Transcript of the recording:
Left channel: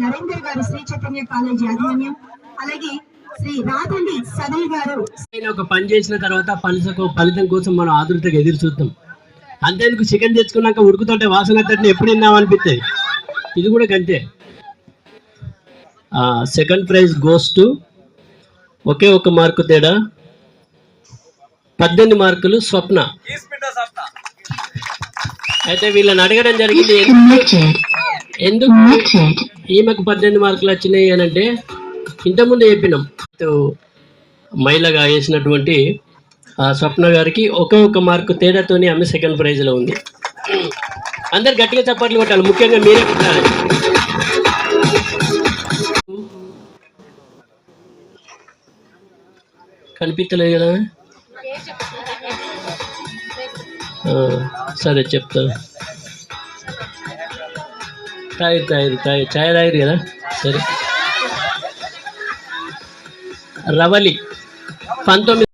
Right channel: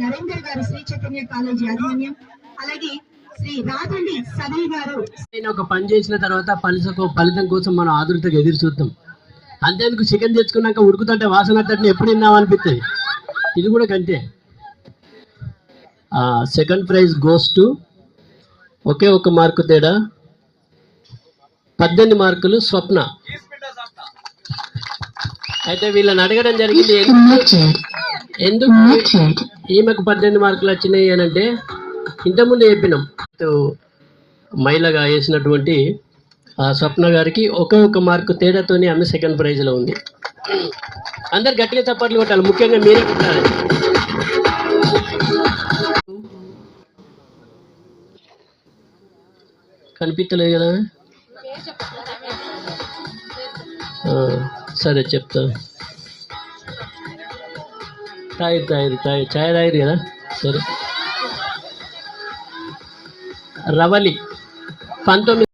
నరేందర్ గారు శ్రీ చైతన్య కాలేజీ యాజమాన్యం అలాగే శ్రీ రాధండి సదయ్ గారు. నేను ఒక పని చేసిన తర్వాత ఫలితం ఫలితం కోసం మనం ఆదృతగా ఎదురు చూద్దాం. అంతేందుకు చికెన్ తెచ్చుకున్నాక ఉడుకుతుంటే వాసన తట్టిన ఎప్పుడు విన్నాం అనిపిస్తుంది ఇది కూడా కంటే సెకండ్ ప్రైజ్ గోస్ టు ఒకే ఒక మార్కు తేడా. పద్దెనిమిది మార్కులు స్వప్న. అయితే వీళ్ళని అడగడం జరిగింది ఎందుకు ఈమెకు పద్దెనిమిది మార్కులు వచ్చినాయి అని అంటే ఇంతకుముందు చెప్పినాం. మహిళగా వేసినటువంటి స్వప్న గారికి ఒక ఒక మార్కు తేడాతోనే ఆమె సెకండ్ ప్రైజ్లో ఉంది. అందరు గట్టిగా చప్పట్లు కొట్టాలి. ముఖ్యంగా మీరే కొట్టాలి. కనిపించలేదు కదా? సరే చెప్తా. తాగి తాగి తాగి ఛాయ్ తాగిరు కదా? సరే. రవలి పంతొమ్మిది